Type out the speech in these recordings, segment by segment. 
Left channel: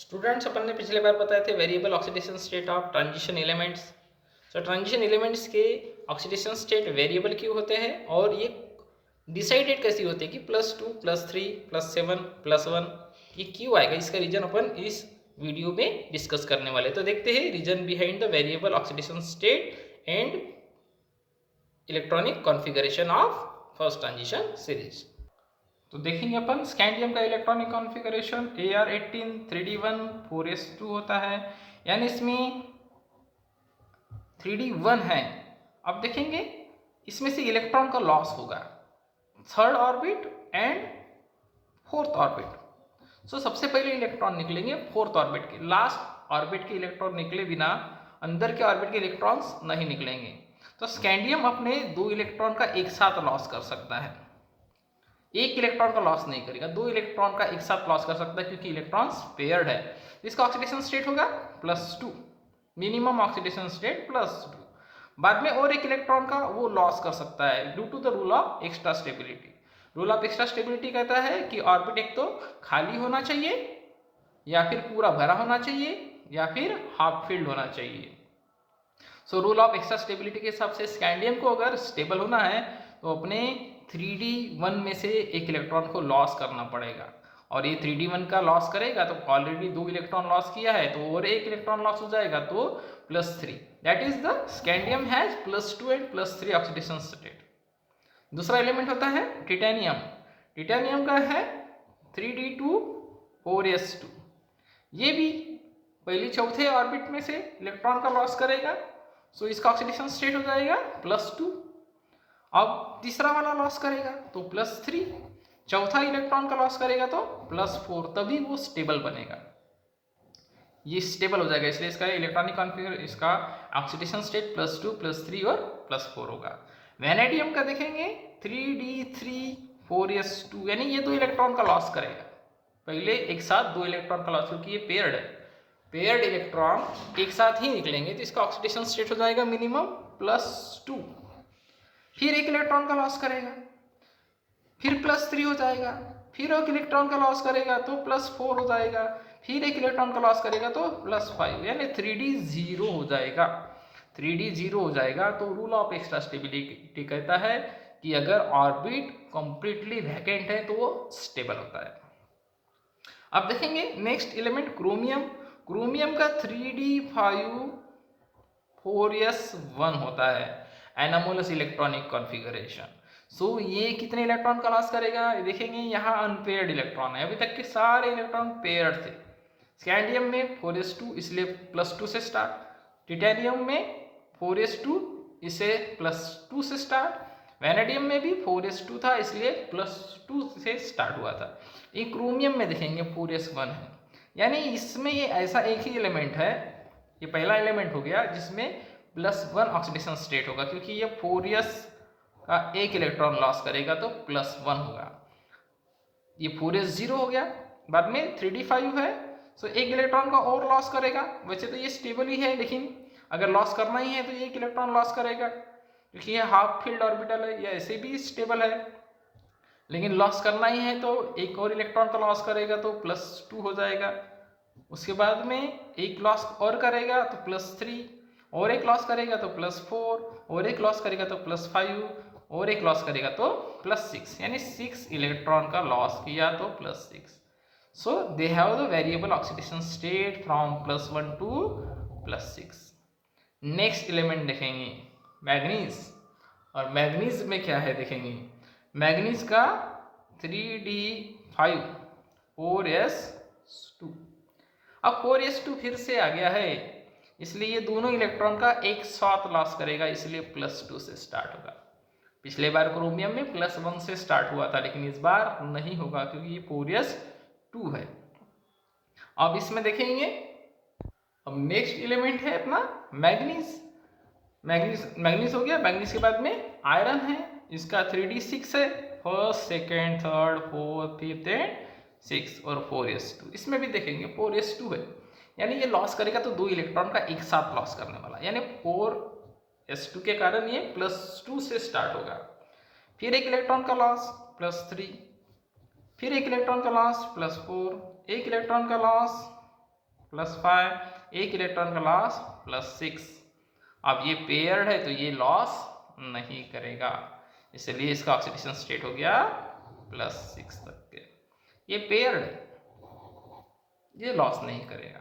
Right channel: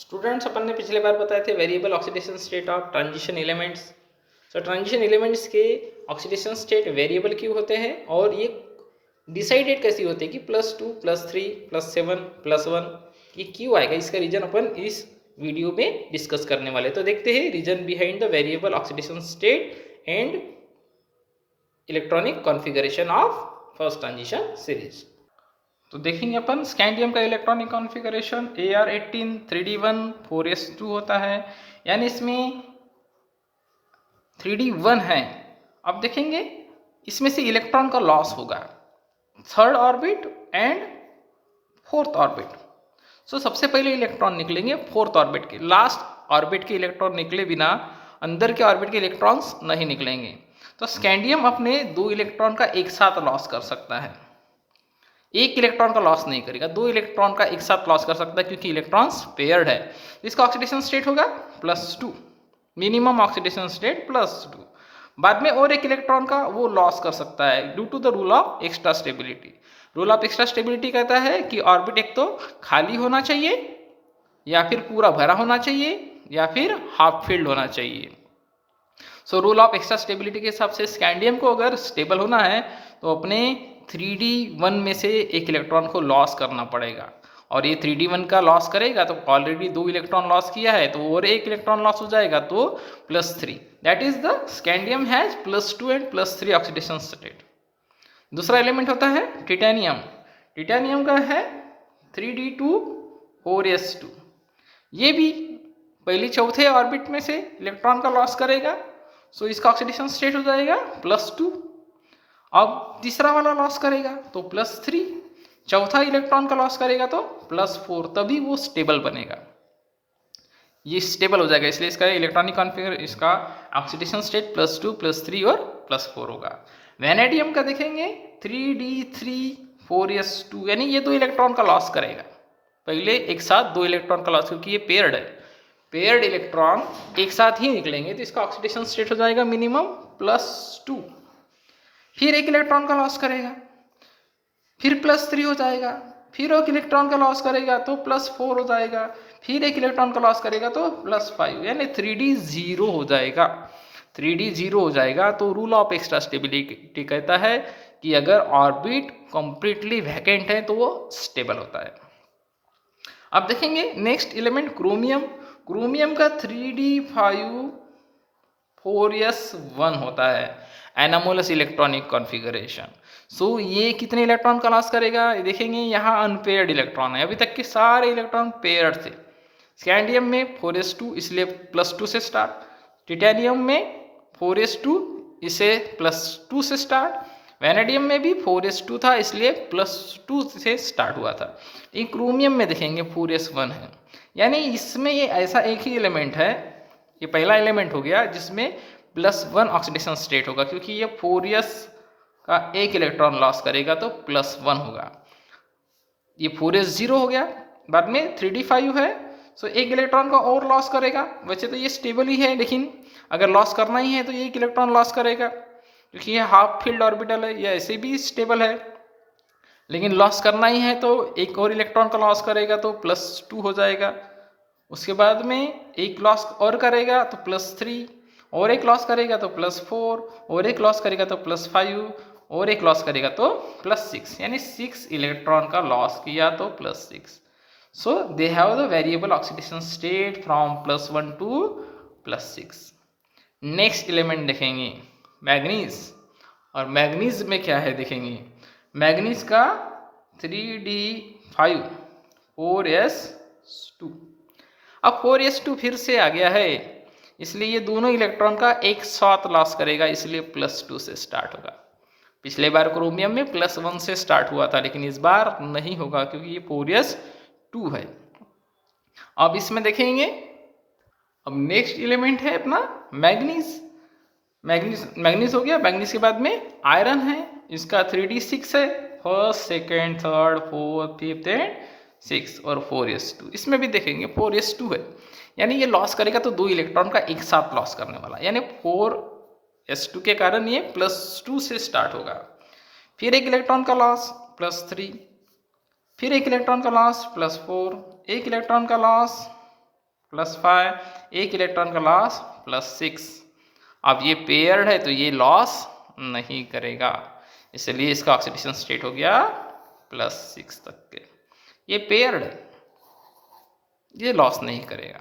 Students, अपन ने पिछले बार बताए the variable oxidation state of transition elements. So transition elements के ऑक्सीडेशन स्टेट वेरिएबल क्यों होते हैं और ये डिसाइडेड कैसी होते हैं कि +2 +3 +7 +1 ये क्यों आएगा, इसका रीजन अपन इस वीडियो में डिस्कस करने वाले। तो देखते हैं reason behind the variable oxidation state and electronic configuration of first transition series. तो देखेंगे अपन स्कैंडियम का electronic configuration AR18 3D1 4s2 होता है, यानी इसमें 3D1 है। अब देखेंगे इसमें से इलेक्ट्रॉन का लॉस होगा third orbit and fourth orbit. So सबसे पहले इलेक्ट्रॉन निकलेंगे फोर्थ ऑर्बिट के, लास्ट ऑर्बिट के इलेक्ट्रॉन निकले बिना अंदर के ऑर्बिट के इलेक्ट्रॉन्स नहीं निकलेंगे। तो स्कैंडियम अपने 2 इलेक्ट्रॉन का एक साथ लॉस कर सकता है, एक इलेक्ट्रॉन का लॉस नहीं करेगा, 2 इलेक्ट्रॉन का एक साथ लॉस कर सकता है क्योंकि इलेक्ट्रॉन्स पेयर्ड है। इसका ऑक्सीडेशन स्टेट होगा +2, मिनिमम ऑक्सीडेशन स्टेट +2। बाद में और एक इलेक्ट्रॉन का वो लॉस कर सकता है due to the rule of extra stability. Rule of extra stability कहता है कि ऑर्बिट एक तो खाली होना चाहिए या फिर पूरा भरा होना चाहिए या फिर हाफ फिल्ड होना चाहिए। So rule of extra stability के हिसाब से स्कैंडियम को अगर स्टेबल होना है तो अपने 3D1 में से एक इलेक्ट्रॉन को लॉस करना पड़ेगा, और ये 3D1 का लॉस करेगा तो ऑलरेडी 2 इलेक्ट्रॉन लॉस किया है तो और एक इलेक्ट्रॉन लॉस हो जाएगा तो +3। That is the scandium has +2 and +3 oxidation state. दूसरा एलिमेंट होता है टिटेनियम। टिटेनियम का है 3D2 4s2। ये भी पहली चौथे ऑर्बिट में से इलेक्ट्रॉन का लॉस करेगा, सो इसका ऑक्सीडेशन स्टेट हो जाएगा +2। अब तीसरा वाला लॉस करेगा तो +3, चौथा इलेक्ट्रॉन का लॉस करेगा तो +4, तभी वो स्टेबल बनेगा, ये स्टेबल हो जाएगा। इसलिए इसका इलेक्ट्रॉनिक कॉन्फ़िगर, इसका ऑक्सीडेशन स्टेट +2 +3 और +4 होगा। वैनेडियम का देखेंगे 3D3 4s2, यानी ये 2 इलेक्ट्रॉन का लॉस करेगा, पहले एक साथ 2 इलेक्ट्रॉन का लॉस, क्योंकि ये पेयर्ड है, पेयर्ड इलेक्ट्रॉन एक साथ ही निकलेंगे तो इसका ऑक्सीडेशन स्टेट हो जाएगा मिनिमम +2। फिर एक इलेक्ट्रॉन का लॉस करेगा, फिर +3 हो जाएगा, फिर एक इलेक्ट्रॉन का लॉस करेगा तो +4 हो जाएगा, फिर एक इलेक्ट्रॉन का लॉस करेगा तो +5, यानी 3D 0 हो जाएगा। 3D 0 हो जाएगा तो रूल ऑफ एक्स्ट्रा स्टेबिलिटी कहता है कि अगर ऑर्बिट कंप्लीटली वैकेंट है तो वो स्टेबल होता है। अब देखेंगे नेक्स्ट एलिमेंट क्रोमियम। क्रोमियम का 3D5 4s1 होता है, एनामोलस इलेक्ट्रॉनिक कॉन्फ़िगरेशन। सो ये कितने इलेक्ट्रॉन का लॉस करेगा, देखेंगे यहाँ अनपेयर्ड इलेक्ट्रॉन है, अभी तक के सारे इलेक्ट्रॉन पेयर्ड थे। स्कैंडियम में 4s2 इसलिए +2 से स्टार्ट, टिटेनियम में 4s2 इसे +2 से स्टार्ट, वैनेडियम में भी 4s2 था इसलिए +2 से स्टार्ट हुआ था। ये क्रोमियम में देखेंगे 4s1 है, यानी इसमें ये ऐसा एक ही एलिमेंट है, ये पहला एलिमेंट हो गया जिसमें +1 ऑक्सीडेशन स्टेट होगा, क्योंकि ये 4s का एक इलेक्ट्रॉन लॉस करेगा तो +1 होगा। ये 4s 0 हो गया, बाद में 3D5 है, सो एक इलेक्ट्रॉन का और लॉस करेगा। वैसे तो ये स्टेबल ही है, लेकिन अगर लॉस करना ही है तो एक इलेक्ट्रॉन लॉस करेगा, क्योंकि ये हाफ फील्ड ऑर्बिटल है, या ऐसे भी स्टेबल है, लेकिन लॉस करना ही है तो एक और इलेक्ट्रॉन का लॉस करेगा तो +2 हो जाएगा। उसके बाद में एक लॉस और करेगा तो +3, और एक लॉस करेगा तो +4, और एक लॉस करेगा तो +5, और एक लॉस करेगा तो +6, यानी 6 इलेक्ट्रॉन का लॉस किया तो +6। So they have the variable oxidation state from +1 to +6। Next element देखेंगे मैग्नीज, और मैग्नीज में क्या है देखेंगे, मैग्नीज का 3D5 4s2। अब 4s2 फिर से आ गया है, इसलिए ये दोनों इलेक्ट्रॉन का एक साथ लॉस करेगा, इसलिए +2 से स्टार्ट होगा। पिछले बार क्रोमियम में +1 से स्टार्ट हुआ था, लेकिन इस बार नहीं होगा क्योंकि ये 4s2 है। अब इसमें देखेंगे, अब नेक्स्ट एलिमेंट है अपना मैग्नीज। मैग्नीज हो गया, मैग्नीज के बाद में आयरन है, इसका 3D6 है, first second third fourth fifth and 6, और 4s2। इसमें भी देखेंगे 4s2 है, यानी ये लॉस करेगा तो 2 इलेक्ट्रॉन का एक साथ लॉस करने वाला, यानी 4s2 के कारण ये +2 से स्टार्ट होगा। फिर एक इलेक्ट्रॉन का लॉस +3, फिर एक इलेक्ट्रॉन का लॉस +4, एक इलेक्ट्रॉन का लॉस +5, एक इलेक्ट्रॉन का लॉस +6। अब ये पेयर्ड है तो ये लॉस नहीं करेगा, इसलिए इसका ऑक्सीडेशन स्टेट हो गया +6 तक के। ये पेयर्ड है, ये लॉस नहीं करेगा।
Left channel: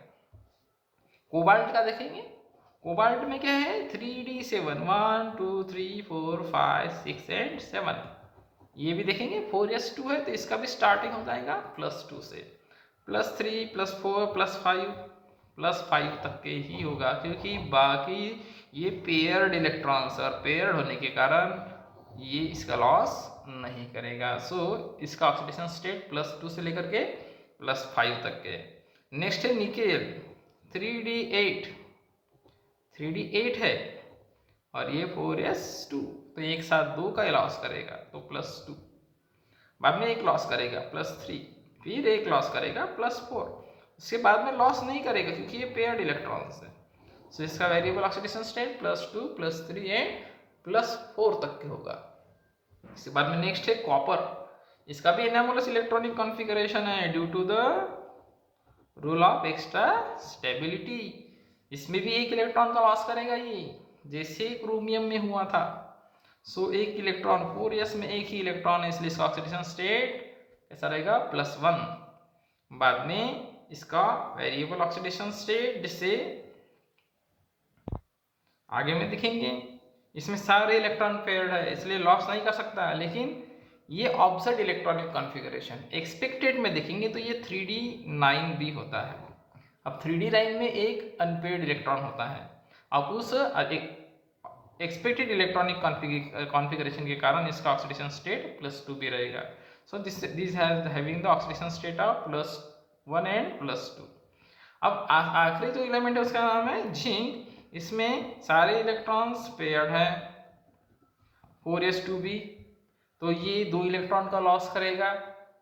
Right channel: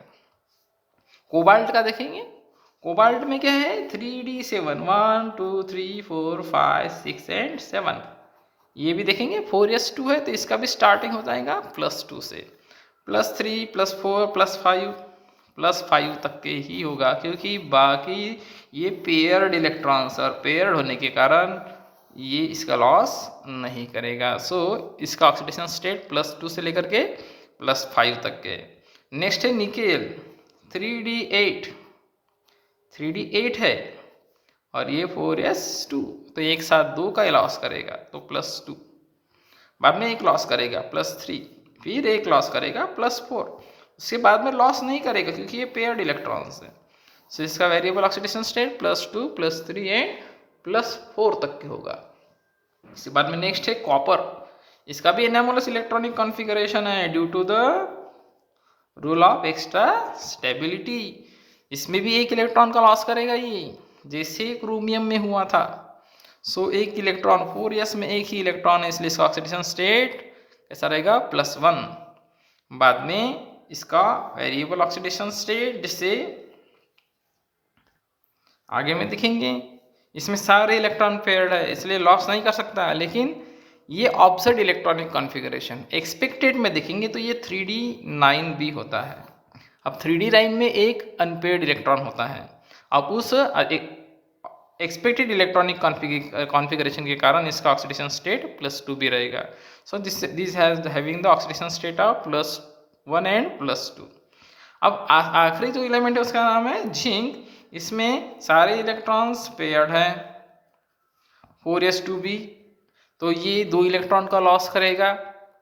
कोबाल्ट का देखेंगे, कोबाल्ट में क्या है 3d7, 1 2 3 4 5 6 एंड 7। ये भी देखेंगे 4s2 है तो इसका भी स्टार्टिंग हो जाएगा +2 से, +3 +4 +5 तक के ही होगा, क्योंकि बाकी ये पेयर्ड इलेक्ट्रॉन्स और पेयर्ड होने के कारण ये इसका लॉस नहीं करेगा। सो इसका ऑक्सीडेशन स्टेट +2 से लेकर के +5 तक के। नेक्स्ट है निकेल, 3d8 है और ये 4s2, तो एक साथ 2 का लॉस करेगा तो +2, बाद में एक लॉस करेगा +3, फिर एक लॉस करेगा +4, उसके बाद में लॉस नहीं करेगा क्योंकि ये पेयर्ड इलेक्ट्रॉन्स है। सो इसका वेरिएबल ऑक्सीडेशन स्टेट +2 +3 एंड +4 तक के होगा। इसके बाद में नेक्स्ट है कॉपर, इसका भी एनामोलस इलेक्ट्रॉनिक कॉन्फ़िगरेशन है due to the rule of extra stability. इसमें भी एक इलेक्ट्रॉन का लॉस करेगा ये, जैसे क्रोमियम में हुआ था। सो एक इलेक्ट्रॉन 4s में एक ही इलेक्ट्रॉन है, इसलिए इसका ऑक्सीडेशन स्टेट कैसा रहेगा +1। बाद में इसका वेरिएबल ऑक्सीडेशन स्टेट, जिससे आगे में दिखेंगे इसमें सारे इलेक्ट्रॉन पेयर्ड है इसलिए लॉस नहीं कर सकता है, लेकिन ये ऑब्जर्व इलेक्ट्रॉनिक कॉन्फ़िगरेशन एक्सपेक्टेड में देखेंगे तो ये 3d9 भी होता है। अब 3d9 में एक अनपेयर्ड इलेक्ट्रॉन होता है, अब उस एक्सपेक्टेड इलेक्ट्रॉनिक कॉन्फ़िगरेशन के कारण इसका ऑक्सीडेशन स्टेट +2 भी रहेगा। So this has having the oxidation state of +1 and +2। अब आखिरी जो एलिमेंट है उसका नाम है जिंक, इसमें सारे इलेक्ट्रॉन्स पेयर्ड है 4s2 भी, तो ये 2 इलेक्ट्रॉन का लॉस करेगा,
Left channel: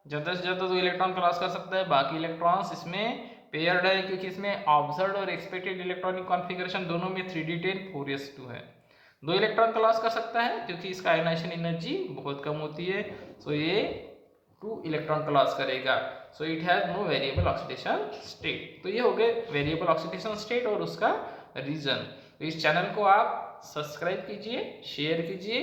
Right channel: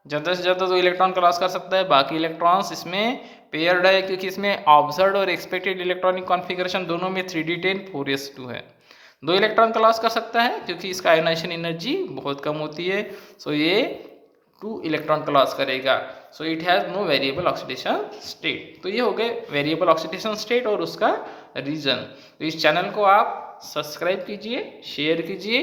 ज़्यादा से ज़्यादा 2 इलेक्ट्रॉन का लॉस कर सकता है। बाकी इलेक्ट्रॉन्स इसमें पेयर्ड है क्योंकि इसमें ऑब्जर्व्ड और एक्सपेक्टेड इलेक्ट्रॉनिक कॉन्फ़िगरेशन दोनों में 3d10 4s2 है। 2 इलेक्ट्रॉन का लॉस कर सकता है क्योंकि इसका आयोनाइजेशन एनर्जी बहुत कम होती है, सो ये 2 इलेक्ट्रॉन का लॉस करेगा। So it has no variable oxidation state. तो ये हो गए वेरिएबल ऑक्सीडेशन स्टेट और उसका रीज़न। तो इस चैनल को आप सब्सक्राइब कीजिए, शेयर कीजिए